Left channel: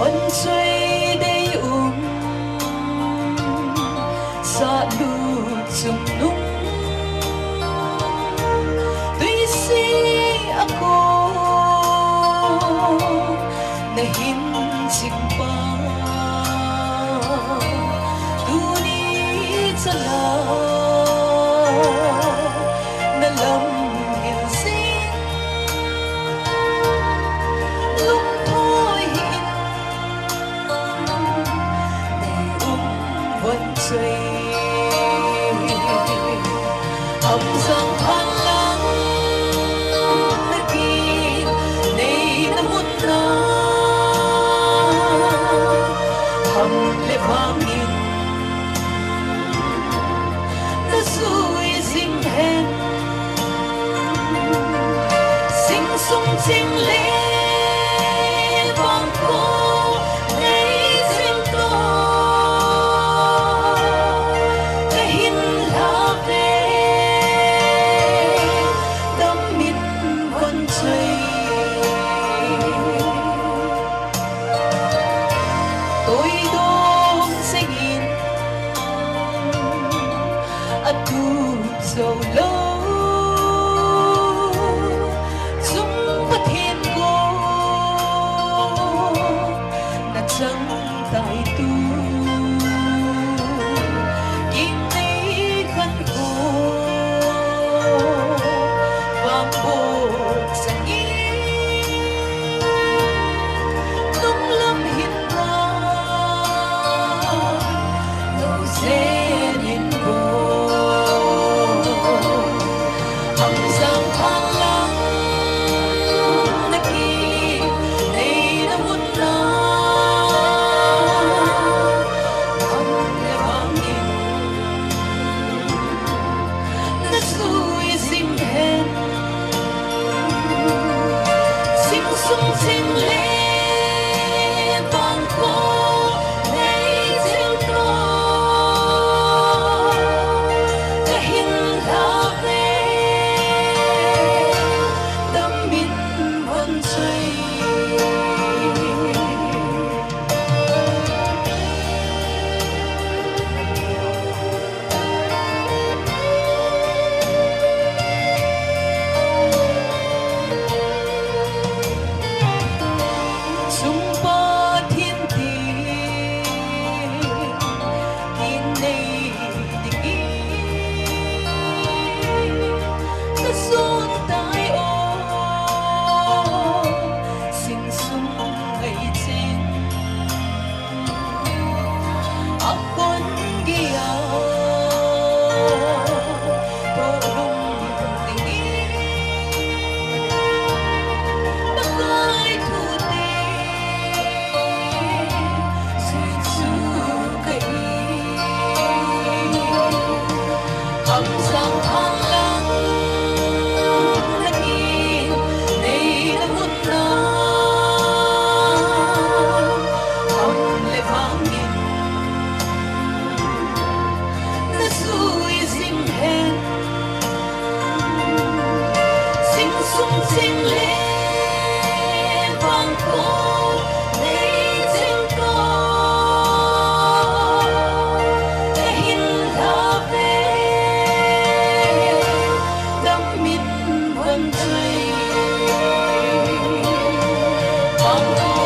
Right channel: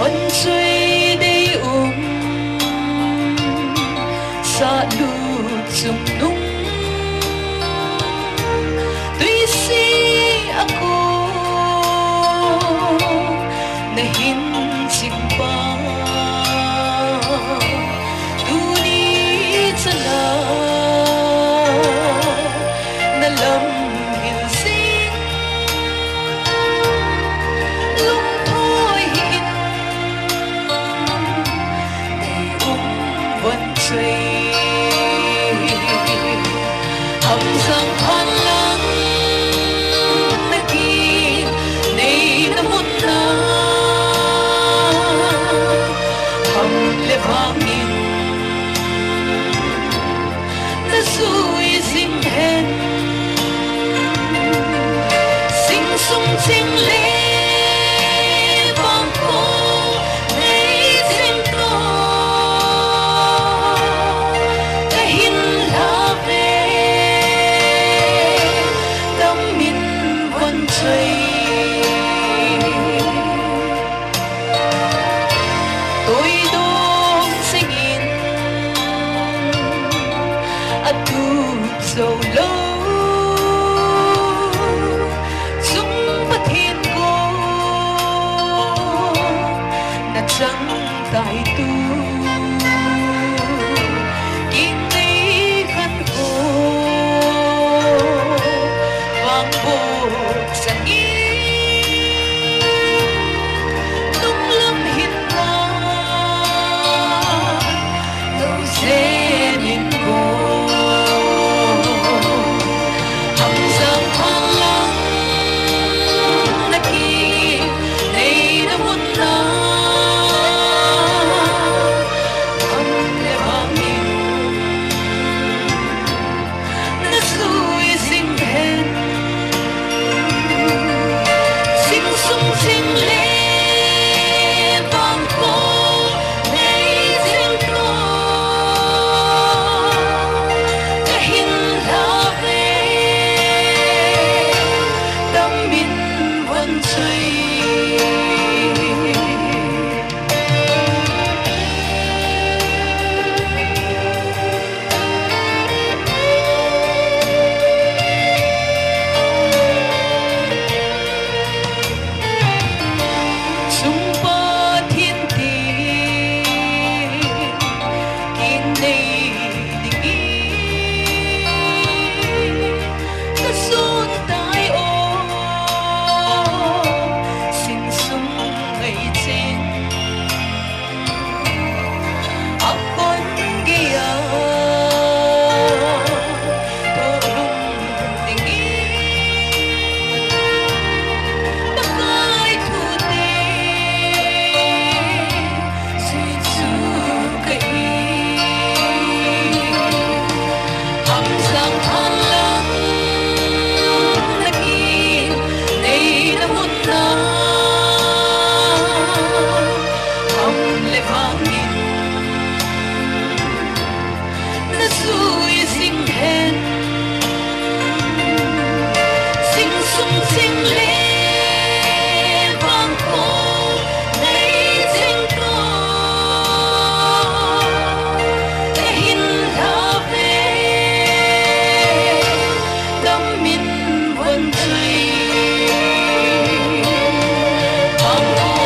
Hồn suy đi sa lút sung nung tuy si ako nahinsimpa tunit sa nalam hinsing lungthoy hin nay buồn chơi hầm răng khoan lắng nãy kia nay đã muốn na hầm lệ vang in đã suy sinh hèn sinh sung sinh lệ vang cô nay sinh to cái hin la về tâm min vẫn chơi tôi đông sinh in ấp tu sầu lâu chúng bất thiên cô nát chân tại tu kim tây khăn khô vang bột sang yên tung lâm hiên ngang đầu dê nhìn cô hầm răng khoan lắng nãy kia nay đã muốn na hầm lệ vang in đã suy sinh hèn sinh sung sinh lệ vang cô nay sinh to cái hin la về tâm min vẫn chơi sung ba thiên tiền kiên nay tình ý cứ xôn tai ô sinh sung ngày trên ấp con kia tô lung tình ý bắc ai thu tê xin su cây hầm răng khoan lắng nãy kia nay đã muốn na hầm lệ vang in đã suy sinh hèn sinh sung sinh lệ vang cô nay sinh to cái hin la về tâm min vẫn chơi vang cô